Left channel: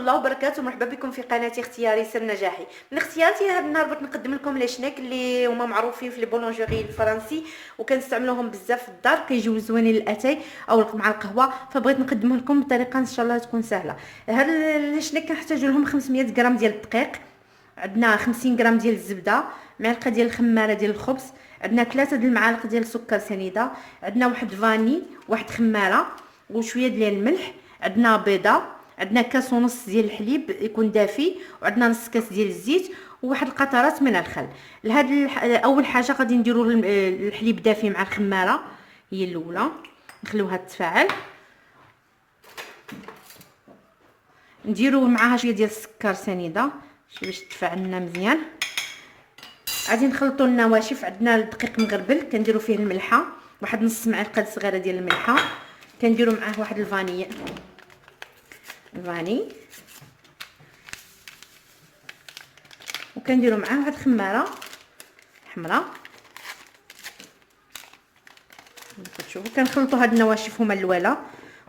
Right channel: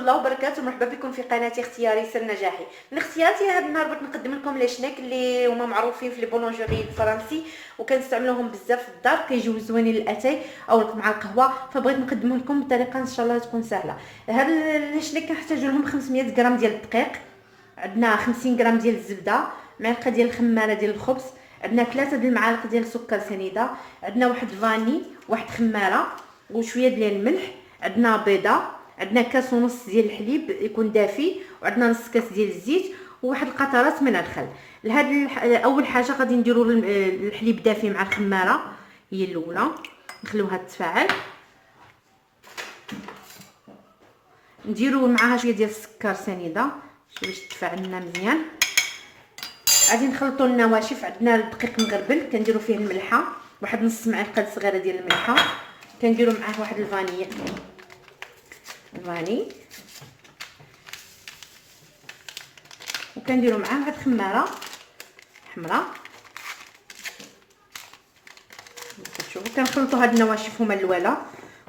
الله وبركاته. مرحبا بكم في قناه اختياري سر نجاحي. من اختياراتي هذا النهار بغيت نقدم لكم لي شنيك اللي هما معروفين في لي بولونجيري الفرنسي وكنستعملوهم بزاف في الدار، كيجيو زوينين للاتاي او مع القهوه، فبغيت نقدمهم لكم بطريقه ان شاء الله تكون سهله. هاد لي شنيك كنحتاجوا لهم 500 غرام ديال الدقيق، عندنا 50 غرام ديال الزبده، معلقه ديال الخماره ديال الخبز، عندنا 3 د المعالق ديال السكر سنيده، عندنا واحد فاني، واحد خماره وشويه ديال الملح، عندنا بيضه، عندنا كاس ونص ديال الحليب يكون دافي، وعندنا نص كاس ديال الزيت وواحد القطرات من الخل. لهاد اول حاجه غادي نديروا الحليب دافي مع الخماره، هي الاولى نخليوها تتفاعل، نديروا معاها شويه ديال السكر سنيده باش تتفاعل لنا مزيان. غادي نخلطوا النواشف، عندنا الدقيق مغربل كنديروا فيه الملحه، واحد نص معلقه صغيره ديال الملحه، كنديروا معاه واحد الفاني وكنديروا معاه واحد الخماره حمراء. شوفوا كنخلطوا هاد النواشف هما الاولى،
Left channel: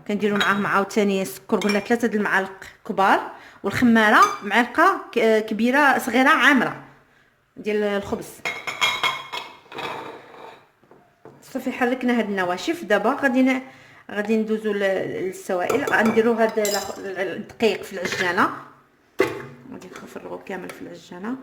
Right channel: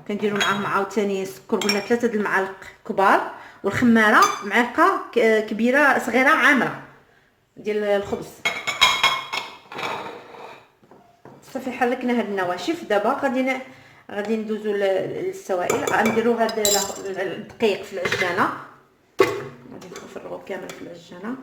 كنديروا معاهم عاوتاني السكر، قلنا 3 د المعالق كبار، والخماره معلقه كبيره صغيره عامره ديال الخبز. صافي حركنا هاد النواشف. دابا غادي ندوزو للسوائل. غنديروا هاد الدقيق في العجانه، غادي نفرغوا كامل في العجانه.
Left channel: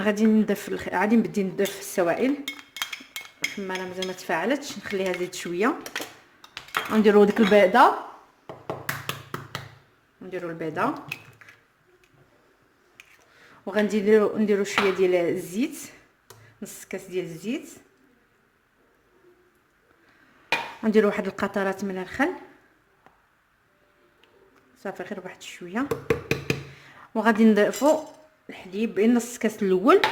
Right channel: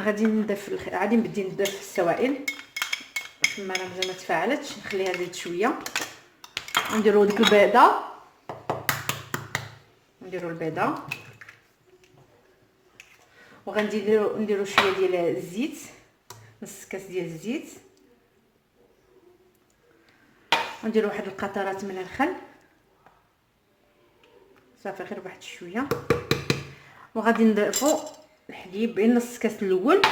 غادي نبدي ندف السوائل. الخماره مازال ما تفاعلتش، نخليها زيد شويه. نديروا ديك البيضه، وغنديروا شويه ديال الزيت، نص كاس ديال الزيت. نديروا واحد القطرات من الخل، صافي غير واحد شويه. وغادي نضيفوا الحليب بين نص كاس الاول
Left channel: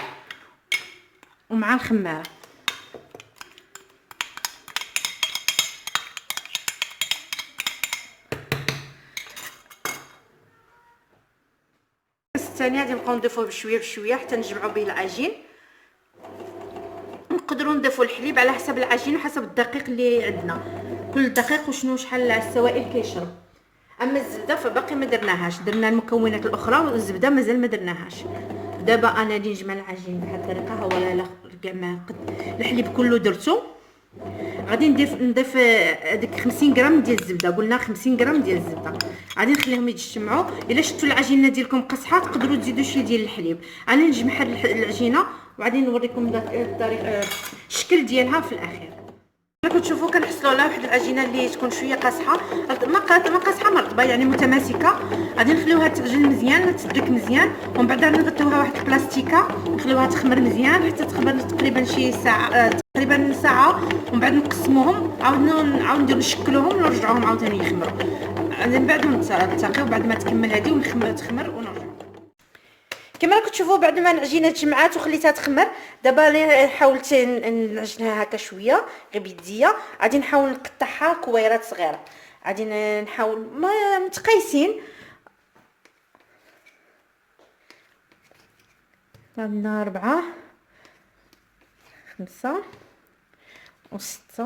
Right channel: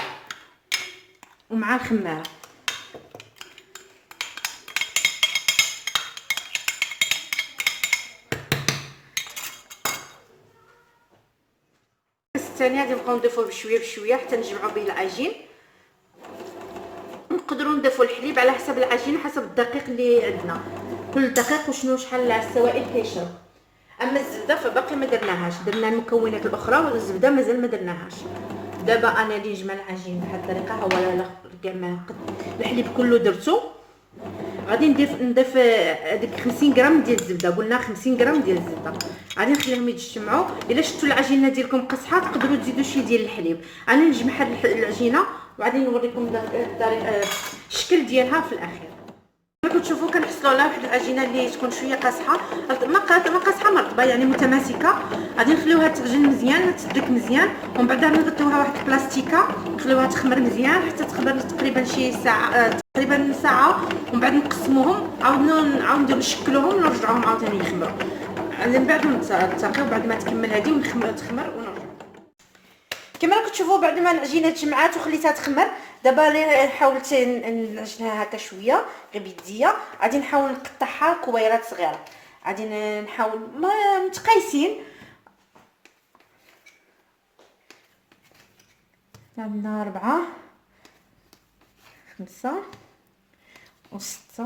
ومع الخماره. الثاني غادي نبقاو نضيفوه بشويه حتى نجمعوا به العجين. نقدروا نضيفوا الحليب على حسب العجين، حسب الدقيق اللي عندنا، كل دقيق وشنو شحال السوائل كيشرب. اما الزبده فباقي ما درناهاش، درنا المكونات الاخرى والزبده مازال ما درناهاش. دابا انا اللي نجمع العجين بهذه الطريقه، هو كاع الحليب كله درتو. غادي نضيف هذيك 50 غرام ديال الزبده، قلنا 50 غرام ديال الزبده. غادي نخليهم يتجمعوا. الا شفتوا العجينه ديالكم قصحه تقدروا تزيدوا شويه ديال الحليب. انا نجمع العجينه وغادي نوريكم الطريقه الشكل ديالها في الاخير. كما كتشوفوا كنحصلوا على واحد العجينه اللي تكون شويه قاصحه، ما قاصحه ما رطبه، يعني متماسكه. غادي نخليوها تغلي مزيان وتسلك مزيان، ومن بعد نغطيوها واحد البلاستيكه نخليوها تخمر مزيان حتى تخمر تقريبا شي ساعه، تقريبا ساعه. ومن بعد نقسموهم، عاود نديرو نشكلوهم ونرجعوهم عاوتاني يخمروا. من بعد نتلاقاو بعد ما تكمل هذه تخمر ونرجعوا. كما راكم تشوفوا بعد ما العجينه تجمعات وخليتها تخمر، دابا اللي حاولت نعجنها هكا شويه غير بيديا، غادي نحاول نقطعها كويرات صغيره. غادي نحاول ما متقايسين. عندنا 4 5 و6،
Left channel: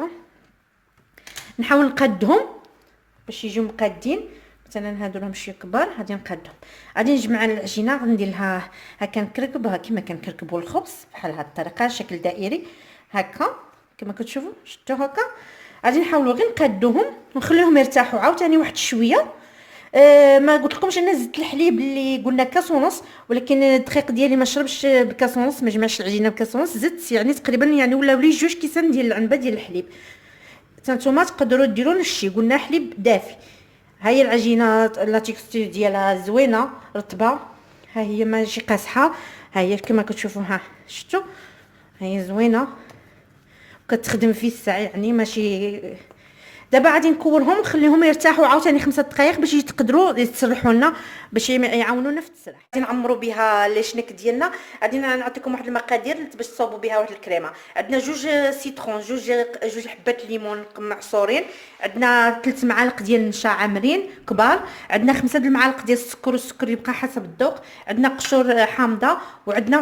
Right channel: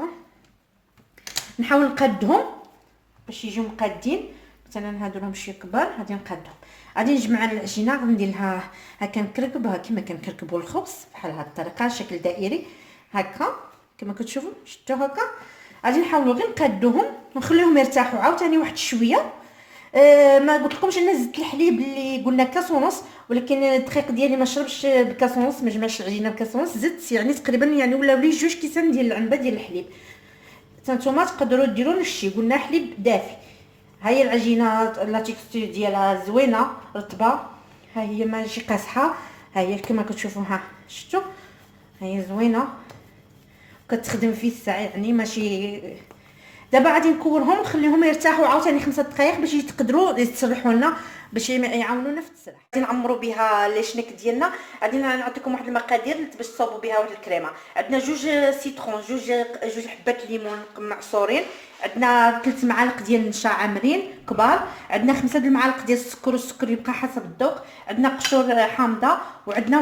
نحاول نقادهم باش يجيو مقادين. مثلا هادو راهم شويه كبار، غادي نقادهم. غادي نجمع العجينه، غندير لها هكا نكركبها كما كنكركبوا الخبز بحال هاد الطريقه، شكل دائري هكا كما كتشوفوا. شفتوا هكا. غادي نحاولوا غير نقادوهم ونخليهم يرتاحوا عاوتاني واحد شويه. ما قلت لكمش انا زدت الحليب اللي قلنا كاس ونص، ولكن الدقيق ديالي ما شربش بكاس ونص، ما جمعش العجينه بكاس ونص، زدت يعني تقريبا يعني ولاو لي 2 كيسان ديال العنبه ديال الحليب. نتوما تقدروا ديروا نفس قلنا حليب دافي. ها هي العجينه لا تيكستور ديالها زوينه رطبه، ها هي ماشي قاصحه، ها هي كما كتشوفوا. ها شفتوا، ها هي زوينه وكتخدم في الساعه، يعني ماشي دابا غادي نكورهم نخليهم يرتاحوا عاوتاني 5 دقائق باش يتقدروا يتسرحوا لنا، باش يعاونونا في التسريح. غادي نعمروا بها لي شنيك ديالنا. غادي نعطيكم واحد المقادير باش تصاوبوا بها واحد الكريمه. عندنا 2 سيترون، جوج حبات ليمون معصورين، عندنا 3 معالق ديال النشا عامرين كبار، عندنا 5 المعالق ديال السكر، والسكر يبقى حسب الذوق، عندنا قشور حامضه، وعندنا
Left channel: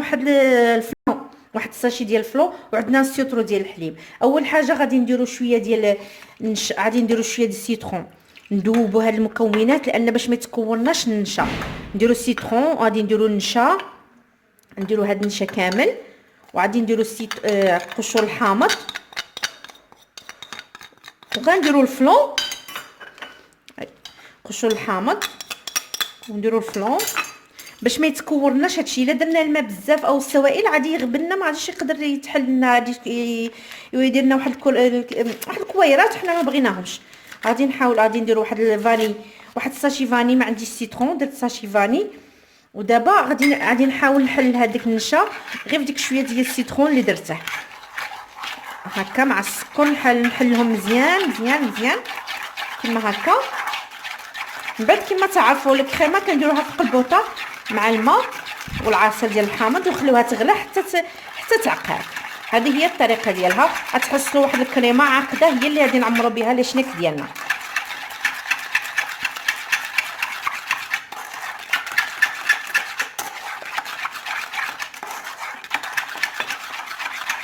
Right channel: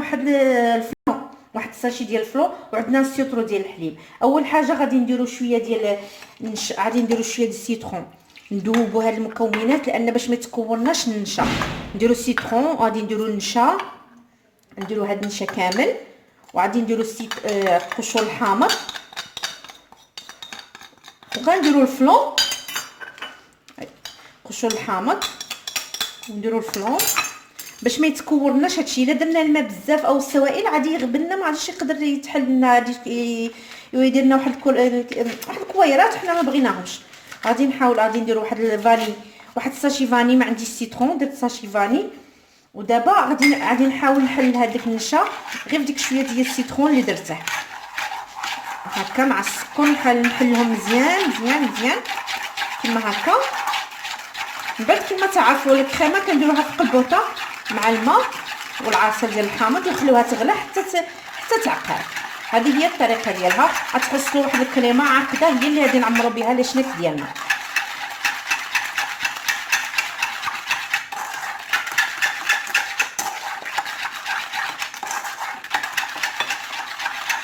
واحد الساشي ديال الفلو، وعندنا السيترو ديال الحليب. اول حاجه غادي نديروا شويه ديال غادي نديروا شويه ديال السيترون، ندوبوا هاد المكونات لان باش ما يتكوناش النشا. نديروا السيترون، غادي نديروا النشا، نديروا هاد النشا كامل، وغادي نديروا القشور الحامض، وغنديروا الفلو، قشور الحامض، ونديروا الفلو باش ما يتكورناش هادشي. الا درنا الماء بزاف او السوائل غادي يغبن لنا، ما غاديش يقدر يتحل لنا، غادي يدير لنا واحد الكويرات حنا ما بغيناهمش. غادي نحاول، غادي ندير واحد الفاني، واحد الساشي فاني، ما عنديش سيترون درت ساشي فاني. ودابا غادي نحاول نحل هذاك النشا غير بديك شويه ديال السيترون اللي درته هكا مع السكر، نحلهم مزيان مزيان مزيان كما هكا. من بعد كما تعرفوا الكريمه كنديروها في قلبوطه مع الماء والعصير ديال الحامض، ونخليوها تغلى حتى تعقد. هذه هي الطريقه ديالها. غتحصلوا واحد الكريمه عاقده هي اللي غادي نعمروا بها لي شنيك ديالنا.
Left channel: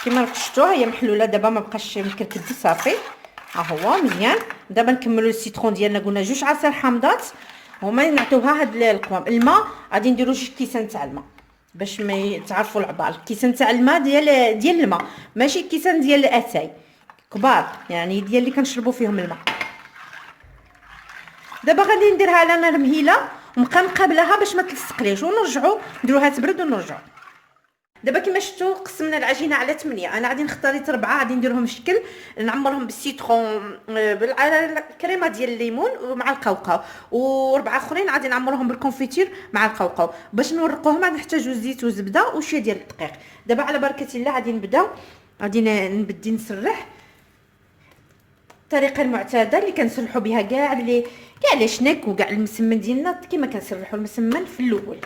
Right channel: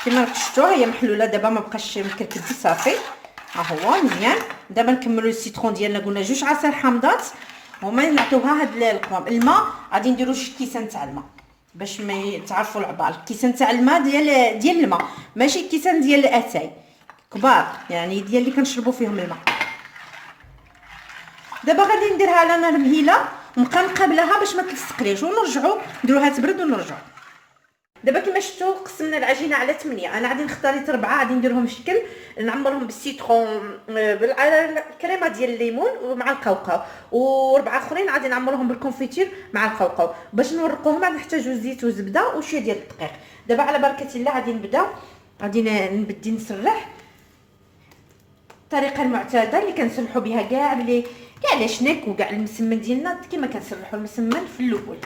كما شفتوا هي محلوله دابا، ما بقاش مكركد صافي، ها هو مزيان. دابا نكملوا السيترون ديالنا، قلنا 2 عصير حامضات هما نعطيوها هاد القوام. الماء غادي نديروا 2 كيسان تاع الماء باش ما تعرفوا العبار. كيسان تاع الماء ديال الماء، ماشي كيسان ديال الاتاي كبار، يعني ديال اللي كنشربوا فيهم الماء. دابا غادي نديرها على نار مهيله ونبقى نقابلها باش ما تلصقليش، ونرجعوا نديروها تبرد ونرجعوا. دابا كما شفتوا قسمنا العجينه على 8. انا غادي نختار 4، غادي نديرهم شكل، نعمرهم بالسيترون بالكريمه ديال الليمون ومع القوقاو، و4 اخرين غادي نعمرهم بالكونفيتير مع القوقاو. باش نورقوهم غادي نحتاجوا زيت وزبده وشويه ديال الدقيق. دابا على بركه الله غادي نبدا، غادي نبدي نسرح الطريقه المعتاده اللي كنسرحوا بها كاع لي شنيك وكاع المسمن ديالنا، كما كنسرحوا المسمن في الاول.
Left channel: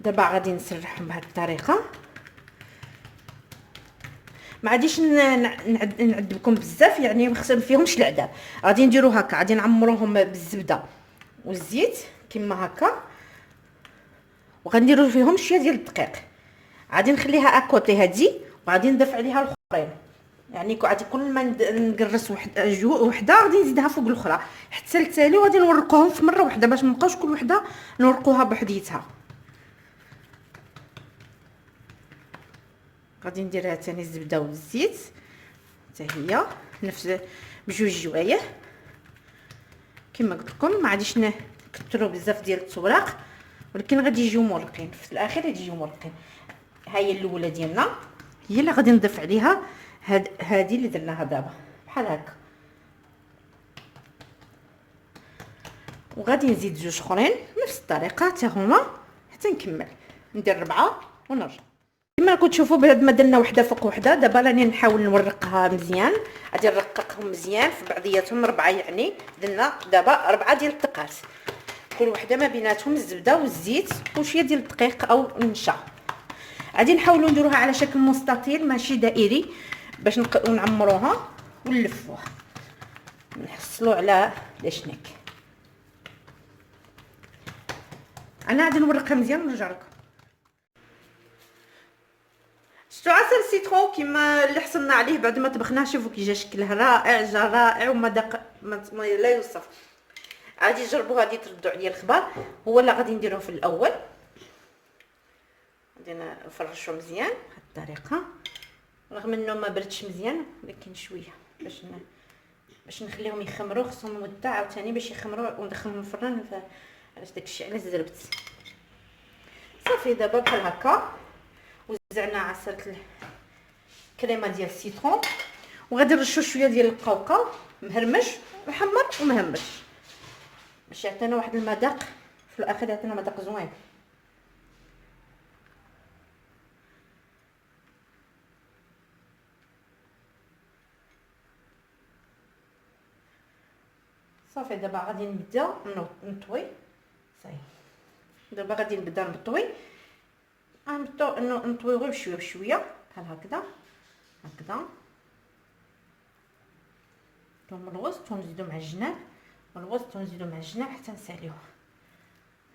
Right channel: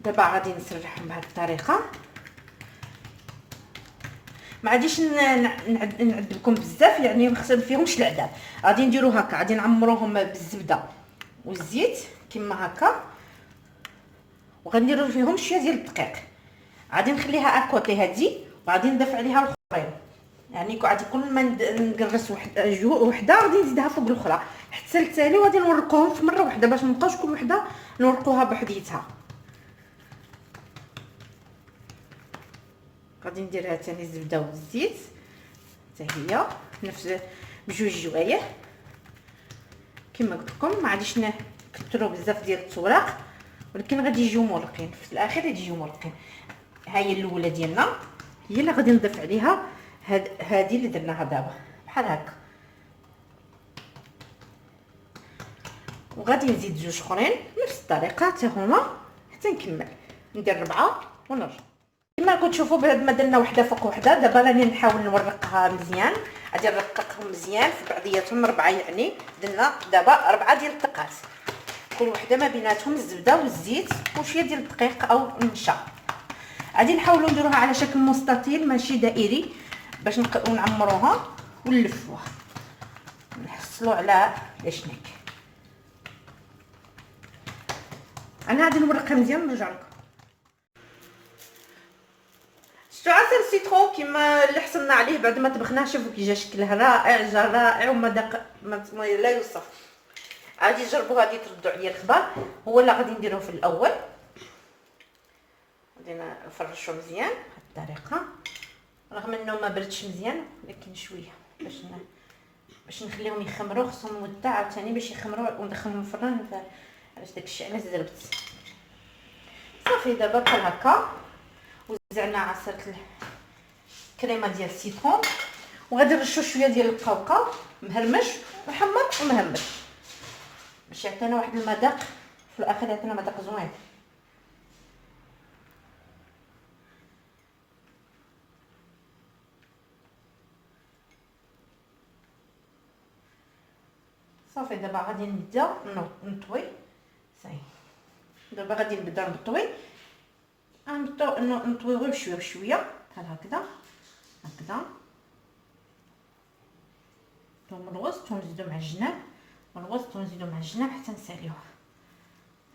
دابا غادي نسرحهم بهذه الطريقه، ما غاديش نعذبكم بزاف، يعني ما فيهمش العذاب. غادي نديرو هكا، غادي نعمروهم بالزبده والزيت كما هكا، وغنديروا فيهم شويه ديال الدقيق. غادي نخليها اكوطي هذه، وغادي نضيف عليها الاخرين، يعني غادي كل ما نقرص وحده غادي نزيدها فوق الاخرى حتى التالي، وغادي نورقوهم في مره واحده باش ما نبقاوش كل وحده نورقوها بحديتها. غادي نديرها ثاني الزبده والزيت حتى هي نفس بجوج جوايه كما قلت لكم. ما غاديش نكثروا بزاف ديال التوراق، ولكن غادي يجيو مرقين في الاخر، غادي يجيو مرقين. ها هي الاولى ديالنا، هي اللي غادي نضيف عليها هذه اللي درناها دابا بحال هكا، وغادي نزيد 2 اخرين نفس الطريقه حتى هما حتى نكمل ندير 4 ونرجع. كما راكم تشوفوا بعد ما درنا وحده فوق وحده. دابا راني نحاول نورقها مزيان، غادي نرققهم مزيان في بعضياتهم 4، يعني درنا دابا 4 ديال الدقات، كل وحده ما بيناتهم الزبده والزيت وشويه ديال الدقيق او النشا. غادي نحاولوا نديروها على شكل مستطيل ماشي دائري باش نعمروها ونلفوها نحصلوا على لاشنيك. انا غادي نورقها مزيان ونرجع لكم. شتو عصير السيترون كما اللي حصلنا عليه بعد ما طبخناه، شوفوا كي جا شكله رائع، جا رائع ومذاق لا يوصف. غادي تجربوا، غادي تردوا عليا الخبر. هو اللي غادي نديروه في الاول، غادي نفرشوا مزيان بهذه الطريقه، رغم انه ما بردش مزيان ولكن شويه باش نخليهم يخمروا. خصهم مده عاوتاني باش يخمروا وندخلهم الفران، علاش داكشي علاش زربت صافي. دابا بحال هكا وزعنا عصير الكريمه ديال السيترون، وغادي نرشوا شويه ديال القوقاو مهرمش محمر ومهمش باش يعطينا واحد المذاق في الاخر، يعطينا مذاق زوين. صافي دابا غادي نبدا نطوي. صافي دابا غادي نبدا نطوي. نطوي غير بشويه بشويه بحال هكذا هكذا. من الوسط ونزيدو مع الجناب، من الوسط ونزيدو مع الجناب حتى نساليوه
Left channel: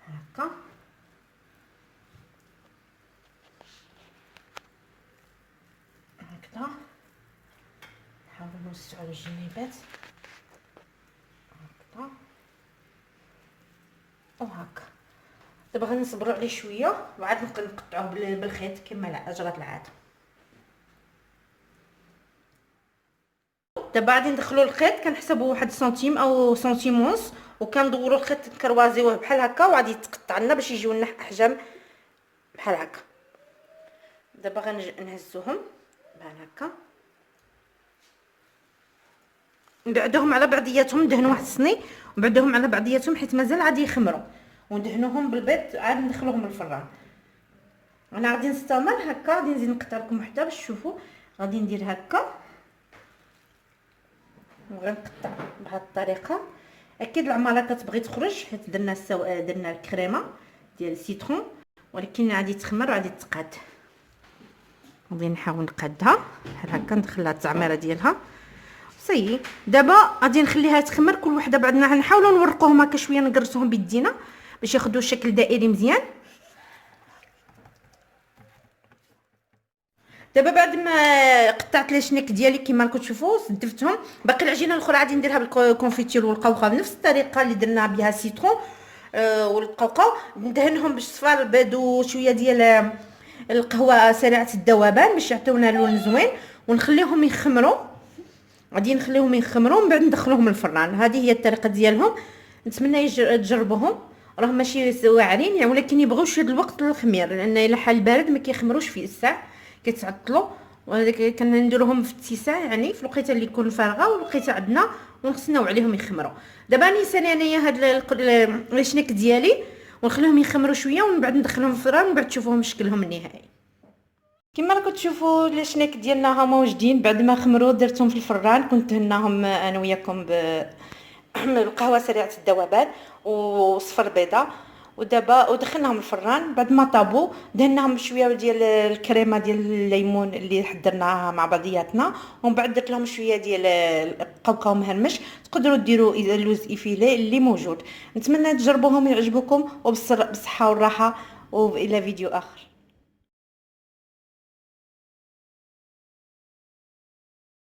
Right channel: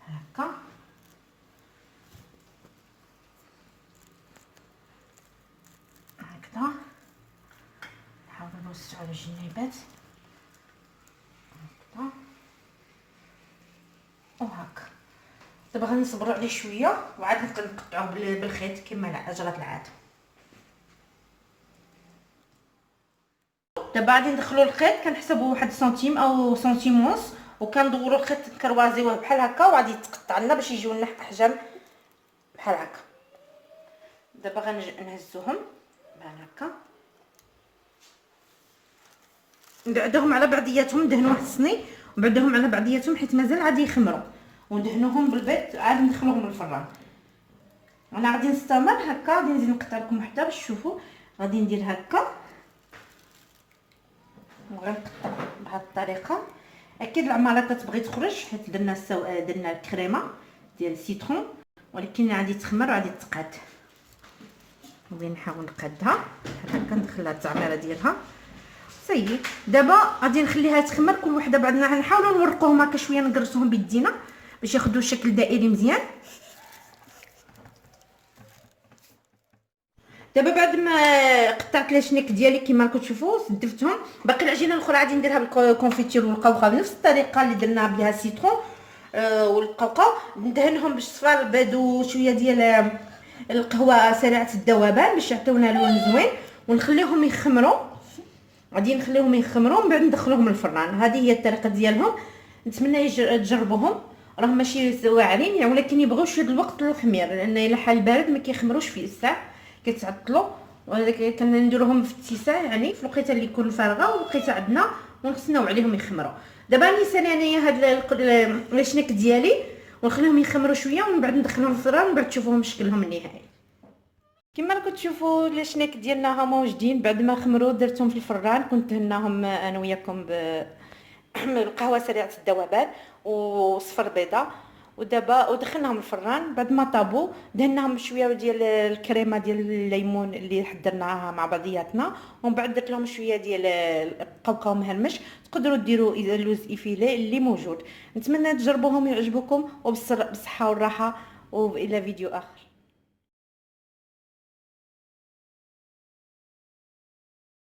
هكا. هكذا نحاولو نوسعو الجنيبات هكذا وهكا. دابا غنصبروا عليه شويه وعاد نقطعوه بالخيط كما جرات العاده. دابا غادي ندخلوا الخيط، كنحسبوا 1 سنتيم او سنتيم ونص، وكندوروا الخيط نكروازيوه بحال هكا، وغادي يتقطع لنا باش يجيو لنا احجام بحال هكا. دابا غنهزوهم بحال هكا، نبعدوهم على بعضياتهم، ندهنوا واحد الصني ونبعدوهم على بعضياتهم حيت مازال غادي يخمروا، وندهنوهم بالبيض عاد ندخلوهم للفران. انا غادي نستمر هكا، غادي نزيد نقطع لكم وحده باش تشوفوا. غادي ندير هكا وغنقطع بهذه الطريقه. اكيد العماله كتبغي تخرج حيت درنا درنا الكريمه ديال السيترون، ولكن غادي تخمر وغادي تقاد. غادي نحاول نقادها بحال هكا، ندخلها التعميره ديالها. صافي دابا غادي نخليها تخمر كل وحده بعدنا. غنحاولوا نورقوهم هكا شويه، نقرصوهم بيدينا باش ياخذوا شكل دائري مزيان. دابا بعد ما قطعت لي شنيك ديالي كما راكم تشوفوا سدفتهم، باقي العجينه الاخرى غادي نديرها بالكونفيتير والقوقعه بنفس الطريقه اللي درنا بها السيترون والقوقعه. ندهنهم بالصفار البيض وشويه ديال القهوه سريعه الذوبان باش يعطيونا لون زوين، ونخليهم يخمروا. غادي نخليهم يخمروا ومن بعد ندخلوهم الفران. هذه هي الطريقه ديالهم، نتمنى تجربوهم. راهم ماشي واعرين يعني، ولكن يبغيو شويه الوقت للخمير، لان الا حال بارد ما كيخمروش في الساعه، كيتعطلوا. وهذاك كنديروهم في اتساع يعني في الوقيته اللي يكون فارغه والوقيته عندنا، ونستناو عليهم يخمروا. دابا نسالي انايا هاد الشنيك ديالي ونخليهم يخمروا شويه، ومن بعد ندخلهم الفران ومن بعد تشوفوهم شكلهم النهائي. كما راكم تشوفوا الشنيك ديالنا هما واجدين بعد ما خمروا. درتهم في الفران، كنت دهناهم انا وياكم بالقهوه سريعه الذوبان وصفر بيضه، ودابا ودخلناهم الفران. بعد ما طابوا دهناهم شويه ديال الكريمه ديال الليمون اللي حضرناها مع بعضياتنا، ومن بعد درت لهم شويه ديال القوقعه مهرمش. تقدروا ديروا اللوز ايفيلي اللي موجود. نتمنى تجربوهم ويعجبوكم، وبالصحه والراحه، والى فيديو اخر.